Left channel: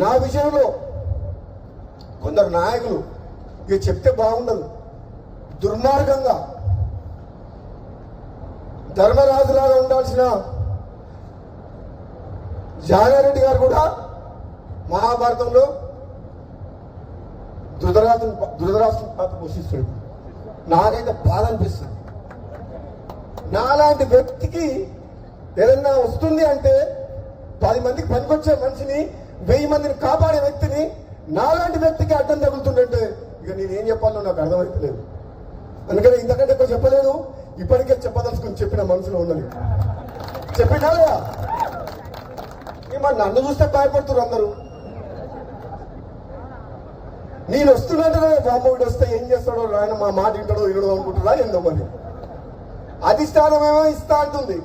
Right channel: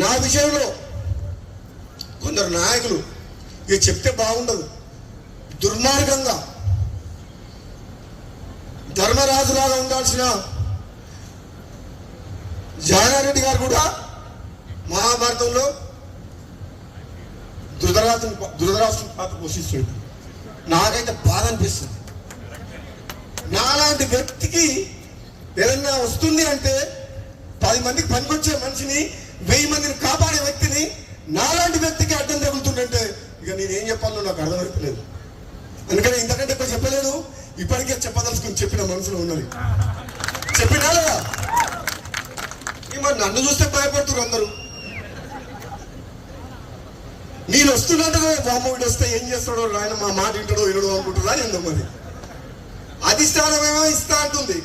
నా విషయంలో కొందరు నాయకులు ఇక చెప్తే బాగుండదు. దుర్మార్గంగా ధర్మరాజులాగా ఉండాల్సిన జానారెడ్డి గారు కూడా మహాభారతంలో ధృతరాజు ధృతరాష్ట్రం పాత్ర పోషిస్తుంది నాకైతే బాధ అనిపిస్తుంది. నాలాంటి వ్యక్తికి ఏదన్నా వస్తుంది అంటే పది మందికి పనికొచ్చే మనిషిని వెయ్యి మందిని కాపాడే వ్యక్తిని నాలాంటి వ్యక్తికి అడ్డం తగులుతుందంటే ఇక నేనేం చెప్పాలో నాకు అర్థమైపోలేదు అందుకని ఇంతకంటే ఎక్కువ చెప్పలేదు. ఇప్పటికే చెప్పదలుచుకుని చెప్పిన మనసులో ఉన్నది. చెప్పినా లేదా? మరి నన్ను చూస్తే భయపడుతున్నారు అందరూ. నేను వస్తున్నట్టుగా బామ్మ వస్తే ఏం చేస్తాడో ఆయన మా మాట వింటాడో వినడో అనుకుంటున్నా ఎంతో మరి అధిష్టానమేమో ఇస్తా అంటుంది.